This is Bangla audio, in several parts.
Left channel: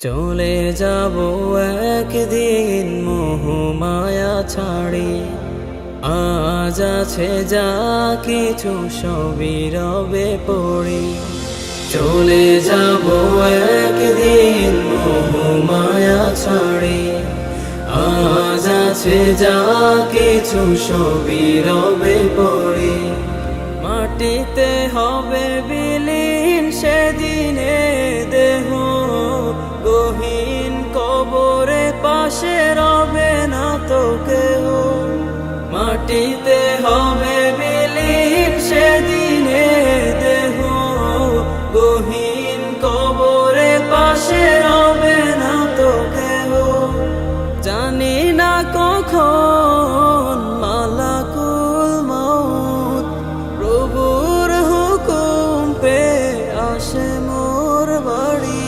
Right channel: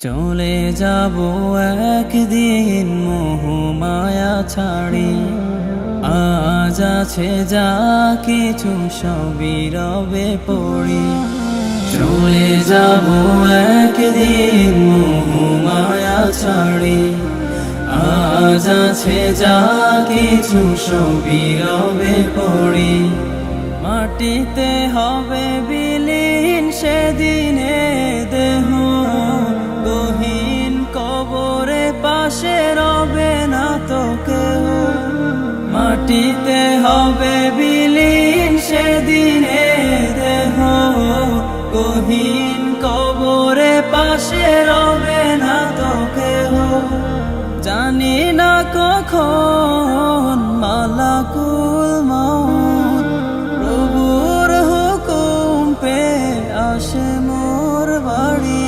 চলে যাব একদিন মোহমায়া ছাড়ি, আজ আছে যা কিছু সবই রবে পড়ি। চলে যাব একদিন মোহমায়া ছাড়ি, আজ আছে যা কিছু সবই রবে পড়ি। মাটিতে হবে বিলীন সেদিনে দেহ, গহীন কবরে পাশে রবে না তো কেহ। মাটিতে হবে বিলীন সেদিনে দেহ, গহীন কবরে পাশে রবে না তো কেহ। জানি না কখন মালাকুল মউত প্রভুর হুকুম পে আসে মোর বাড়ি।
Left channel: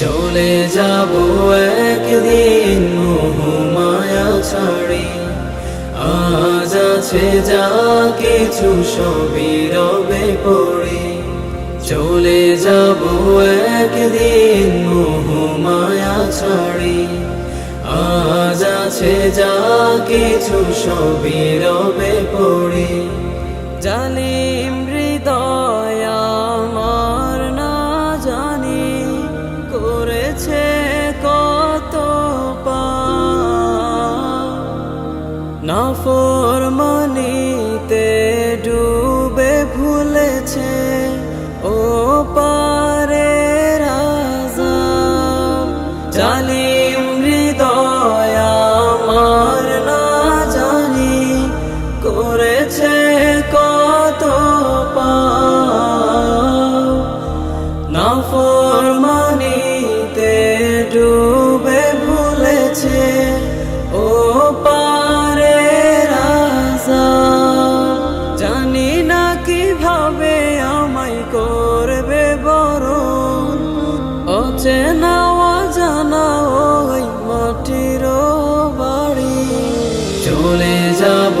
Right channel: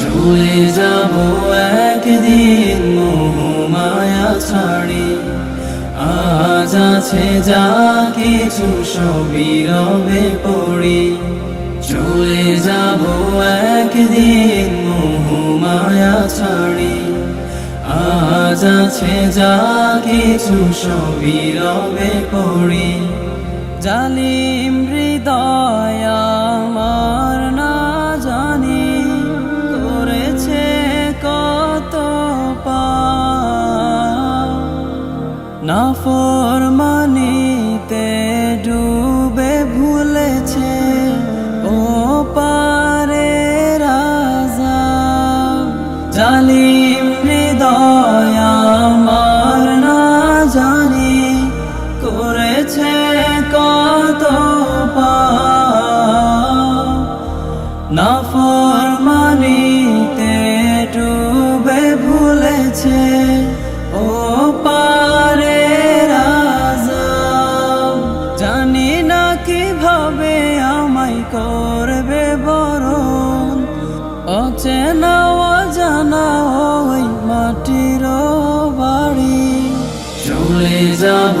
চলে যাব একদিন মোহমায়া ছাড়ি, আজ আছে যা কিছু সবই রবে পড়ি। চলে যাব একদিন মোহমায়া ছাড়ি, আজ আছে যা কিছু সবই রবে পড়ি। জালিম হৃদয় আমার না জানি করেছে কত পাপ, নাফরমানিতে ডুবে ভুলেছে ও পারের আযাব। জালিম হৃদয় আমার না জানি করেছে কত পাপ, নাফরমানিতে ডুবে ভুলেছে ও পারের আযাব। জানি না কিভাবে আমায় করবে বরণ, অচেনা অজানা ওই মাটির বাড়ি। চলে যাব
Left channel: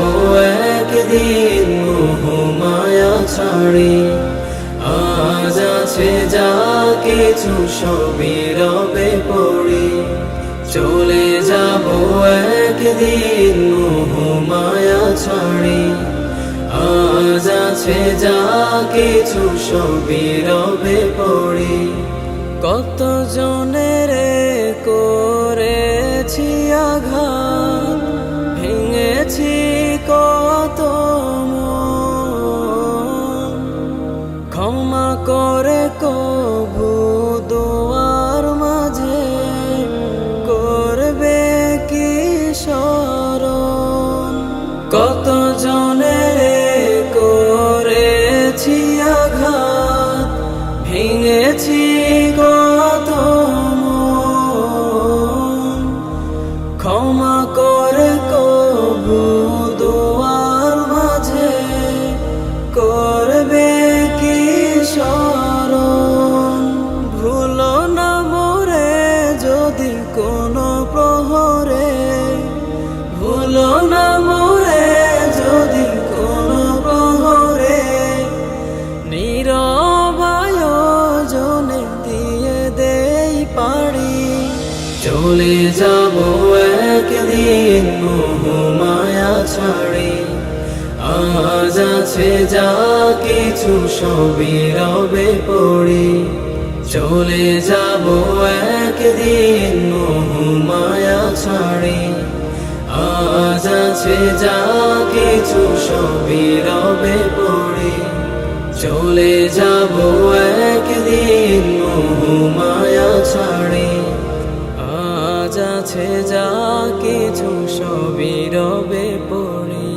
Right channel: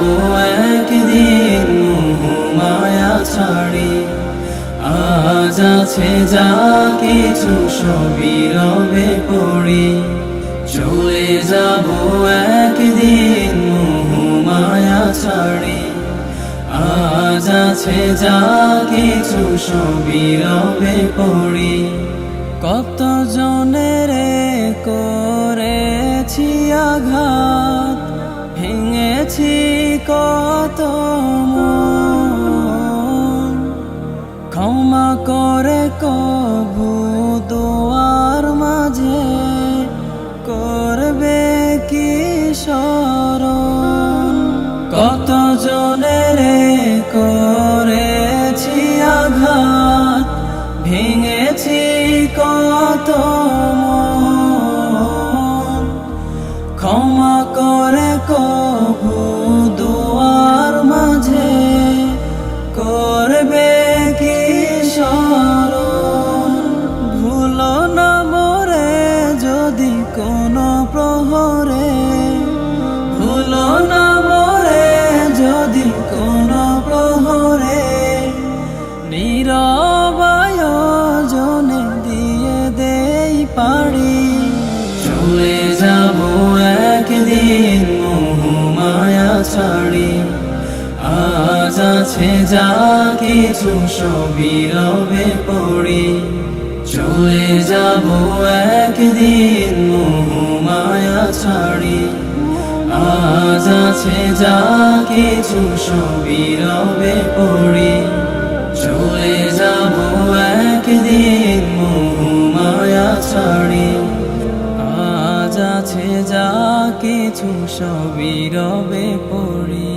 একদিন মোহমায়া ছাড়ি, আজ আছে যা কিছু সবই রবে পড়ি। চলে যাব একদিন মোহমায়া ছাড়ি, আজ আছে যা কিছু সবই রবে পড়ি। কত জনের করেছি আঘাত, ভেঙেছি কত মন। ক্ষমা করে কভু দোয়ার মাঝে করবে কি স্মরণ। কত জনের করেছি আঘাত, ভেঙেছি কত মন। ক্ষমা করে কভু দোয়ার মাঝে করবে কি স্মরণ। ভুলো না মোরে যদি কোনো প্রহরে, ভুলো না মোরে যদি কোনো প্রহরে। নীরব আয়োজনে দিয়ে দেই পাড়ি। চলে যাব একদিন মোহমায়া ছাড়ি, আজ আছে যা কিছু সবই রবে পড়ি। চলে যাব একদিন মোহমায়া ছাড়ি, আজ আছে যা কিছু সবই রবে পড়ি। চলে যাব একদিন মোহমায়া ছাড়ি, আজ আছে যা কিছু সবই রবে পড়ি।